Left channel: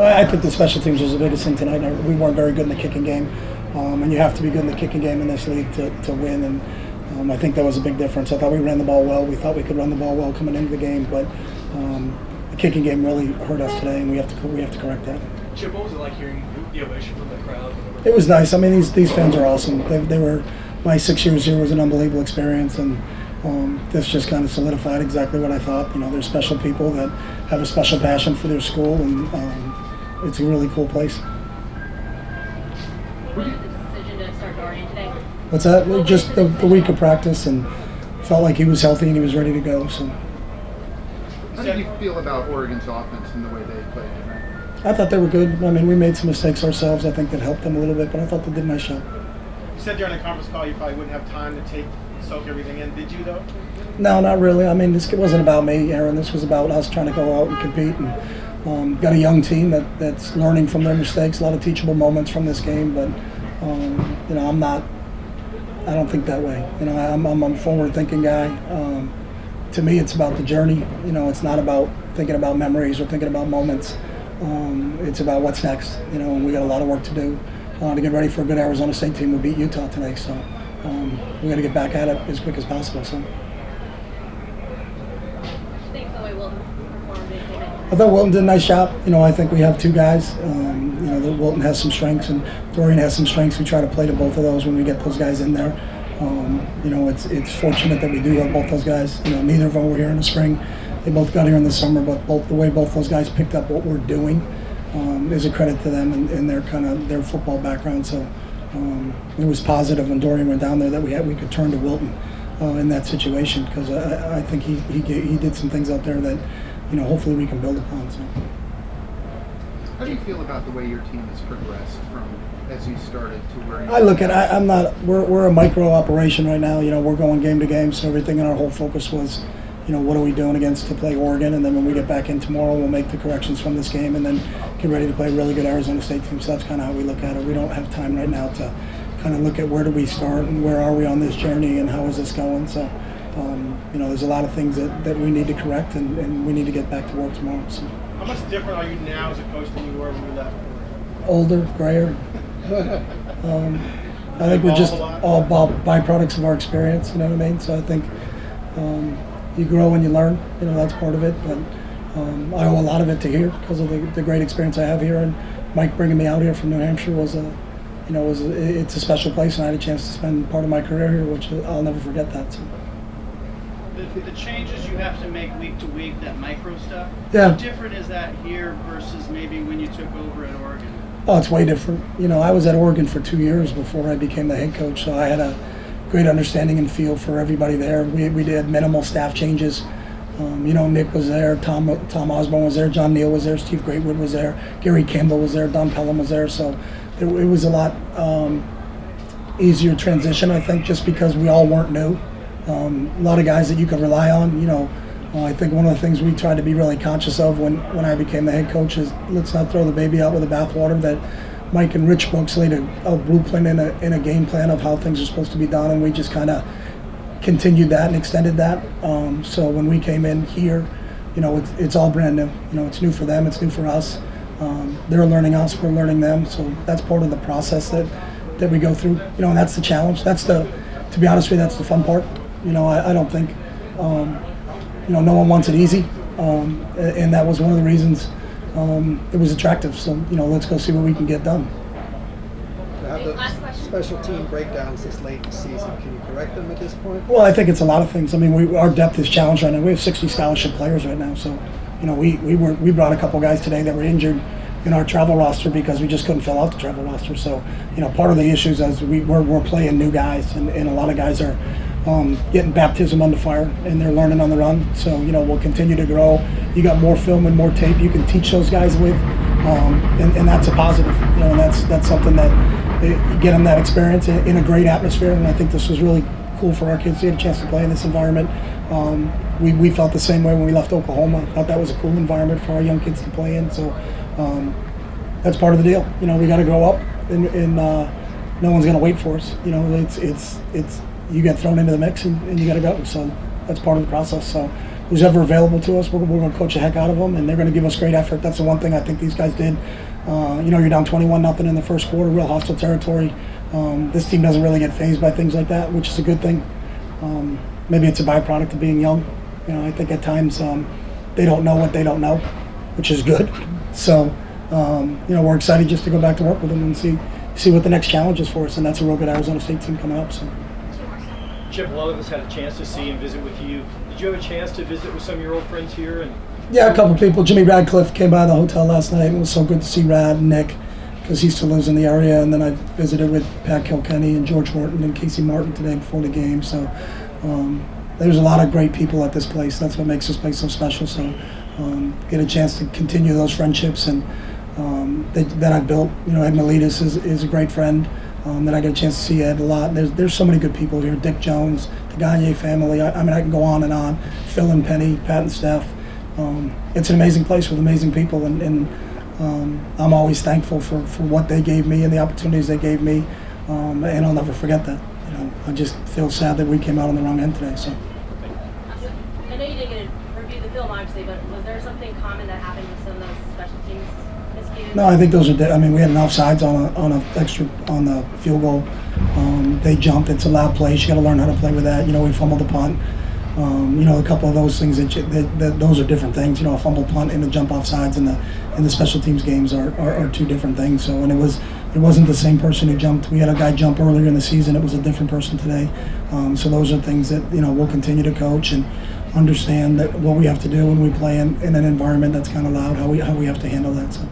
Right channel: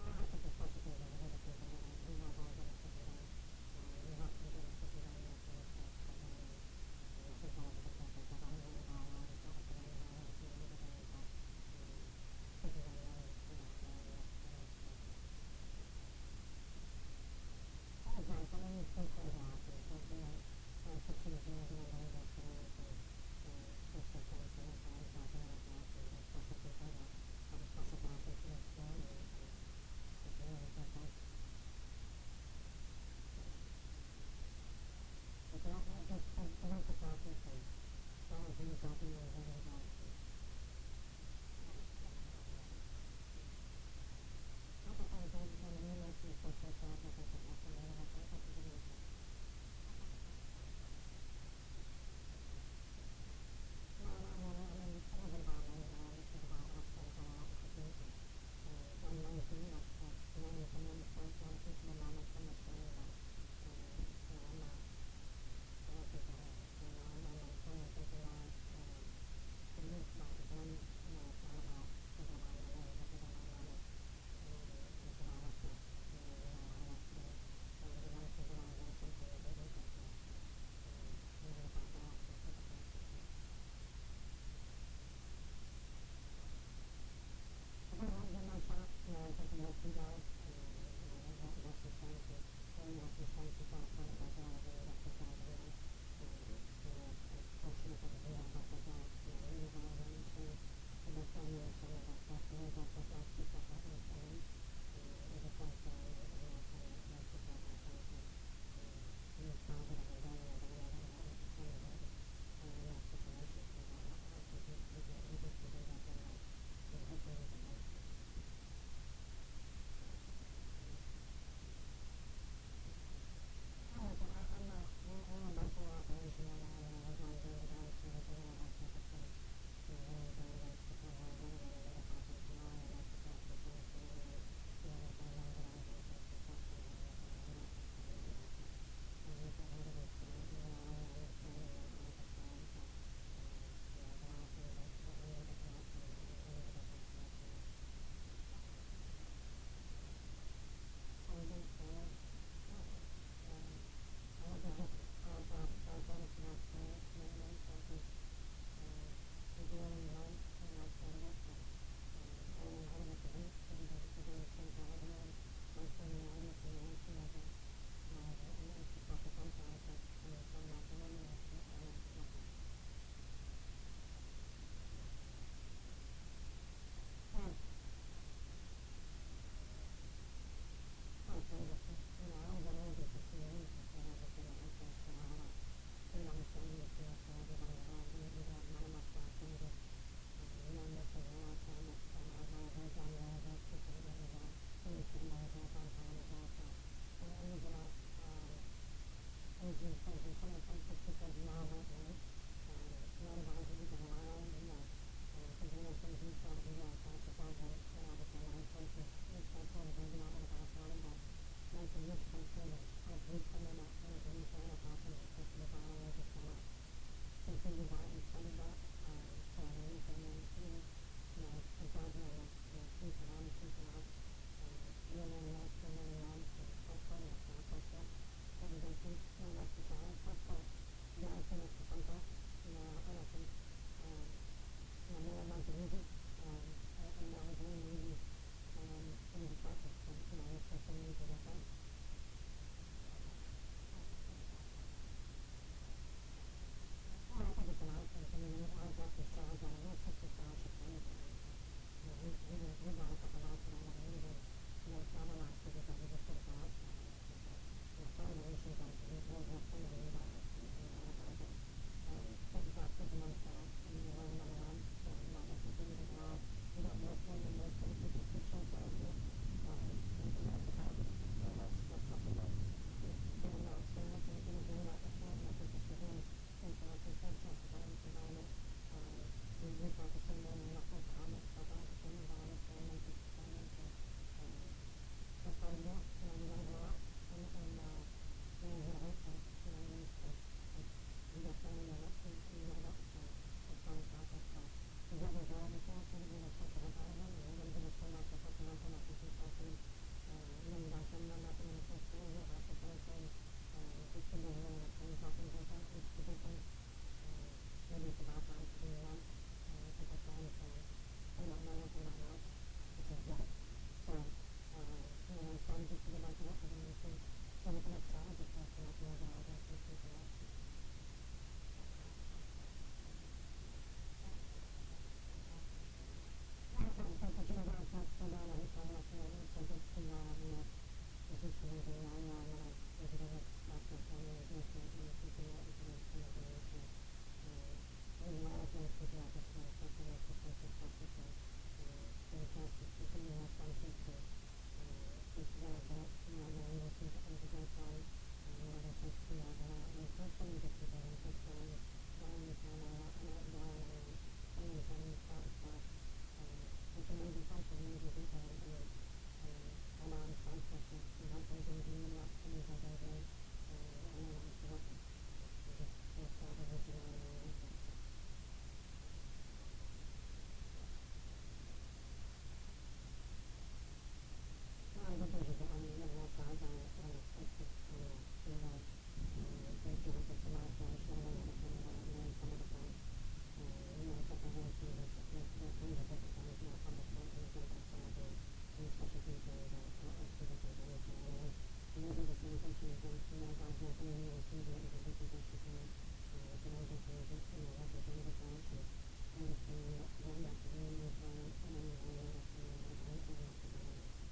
I think the special teams was the biggest thing tonight. We weren't very good in the kicking game, and you have to be good in the kicking game in this league to win. And I think that was a big difference. I thought we ran the ball well. We thought we could run the ball well coming into the game, but the kicking game really hurt us today, and we have to correct that. Chip, what was it like hearing the ovation from the crowd? It was nice. I mean, these fans are awesome. They were my 6 years here was an unbelievable experience, and this just kind of solidified exactly what I thought. You know, they're special people that have a special passion for their school, and it's a really cool place. What was the decision to start Dorian today? What's that? Just the week of practice, and felt like he was healthy and he was ready to go. So. How did you feel about Oregon's offense and the way they played tonight? I thought they were good. I mean, we made some mistakes ourselves. I think that helped them a little bit, but I thought they did a nice job. You said during the conference call you probably wouldn't have time to soak everything in. Did you, though? No, not really. I mean, this wasn't about me, Aaron. This was about us trying to go out and compete. And got a young team that's learning from their mistakes, a lot of teachable moments from this game. But, you know, I don't think that way. You know, I'm a forward-thinking guy. To me, it's about the journey. You know, it's not about thinking about memories or thinking about moments. It's about what's next. You know, and we got a lot of work to do to get ready for a good Arizona State team. We'll beat Utah tonight, so we got to get back at it as quick as possible. So. I thought Wilton did a nice job. You know, I think we have two guys. You know, Wilton has some strengths and Dorian has some strengths. We try to play to both of those when we get those guys in there. You know, it's fortunate that we do have both those guys. You know, neither of them were here in the spring. They both got here in the summer, but the way both those guys picked up what we're doing is a credit to them and their football background. So it was positive when Dorian went down there that we could turn to Wilton in that situation, because I think he did some things out there that, you know, hopefully we can build upon. So. How do you feel about the way your team has progressed from as you started to where you I look at I'm not we're a micro operation right now. You know, we're going game to game, so everything in our whole focus was, you know, what are we doing to play Oregon, and then when we get back in tomorrow, we'll make the corrections from this game and then get ready to play a really good Arizona State team. So that's kind of how we look at it. We don't have time right now to kind of look at where do we start and where are we on this journey and how is this going. So, you know, there's a lot of things that we need to correct and we need to get back to work tomorrow. So. How much different are you now as a coach than you were when you left? Older, grayer. I think we're just all byproducts of our experience, you know what I mean? So I think you grow and you learn, you know, that's part of it. But I owe a lot of it to here because of the great experience I have here. And Mike bringing me out here from New Hampshire was it's a special place, and I had a chance to spend part of my career here, which I'll never forget that. So. The changes you have to make week to week, that micro stuff, yeah. How different is that here versus maybe when you took over at Oregon? Oh, it's way different. You know, I was at Oregon for 2 years before I became the head coach, so I had a great understanding and feel for everybody there. We did minimal staff changes. You know, Nick was there, Tom Osborne was there, John Neal was there, Steve Greatwood was there, Gary Campbell was there, Don Pelham was there, so it was a lot easier transition, I think, just because we all weren't new. A lot of guys that you could rely on. You know, I think one of the things we tried to be really conscious of when I became the head coach is let's not throw the baby out with the bathwater. That Mike and Rich Brooks laid a blueprint in a game plan of how things are supposed to be done, and we just kind of continued that and extended that. So when we came in here, you know, it's all brand new. You know, it's new for them, it's new for us. They're learning us, we're learning them. So that's part of the process that we go through. You know, and that's the challenge. To be honest with you, that's the fun part. You know, I don't think, you know, no one wants it easy, and that was one of the reasons it was attractive. So, you know, let's go see what we can get done. To have the special team breakdowns this late in the season, can you correct them at this point? Well, I think it's a lot of things. I mean, our depth is challenged right now. We have 60 scholarship players right now, so, you know, we brought a couple guys today that were injured in our travel roster because we just couldn't fill out the travel roster. So, you know, part of the issues is we're playing new guys, and a lot of guys are getting baptism under fire, and they're learning on the run. So, you know, we'll continue to grow. You got more film and more tape you can teach those guys with, and that's a positive. You know, and that's something that you get them that experience in a great atmosphere. And I think this was really cool for our kids to get a chance to play in this environment. We felt the same way when we left Oklahoma. I thought that was a cool environment for our young kids to play in. So that's part of the deal. You know, we got to grow up, and no one's going to wait for us. You know, it's you get thrown into the mix and you got to go. So that's part of the process. So who's ever available to us, we're going to coach the heck out of them, and they're going to give us great effort. That's the one thing I think these guys did. You're down 21-0 in the first quarter, real hostile territory. This team doesn't really get fazed by things like that, which is a good thing. Maybe it's a byproduct of being young. I think at times they don't know what they don't know, which is good. So, we're excited just to go back to work with them and see what the next challenge is for us, and that's a real good Arizona State team coming up. So. Chip, a lot of us had a chance to see and visit with you. Did you have a chance to visit with some of your old friends here? Yeah, a couple people. Jimmy Radcliffe came by the hotel last night. It was so good to see Rad and Nick, because he still lives in the area. And then I visited with Pat Kilkenny and George Horton and Casey Martin today before the game. So there's a lot of great people at this place. That's what makes this place so special. So get a chance to continue those friendships and that I've built. Ed Miletus is a great friend. That I get a chance to see Ed a lot. There's so many good people here. Dick Jones, the Gagne family. I can go on and on. Phil and Penny, Pat and Steph. It's an amazing place with amazing people, and I'm always thankful for what they gave me and the opportunities they gave me, and I'll never forget that. I just feel sad that we came out on the wrong end today. So. I know you didn't get to review the film, obviously, but was there something common that happened with some of those special teams miscues? No, I think those are. We had an offsides on the field goal. They jumped. It's a loud play. You got to learn how to play with that. We fumbled the punt. A couple of those things that those are different things. A fumble punt and the jump offsides and the special teams games are two different things. So and it wasn't the same person who jumped. We had a guy jump earlier in the season. It was a different person today. So those are things that we'll continue to coach and understand that what we have to do when we play in an environment that's kind of loud, how we have to handle that. So.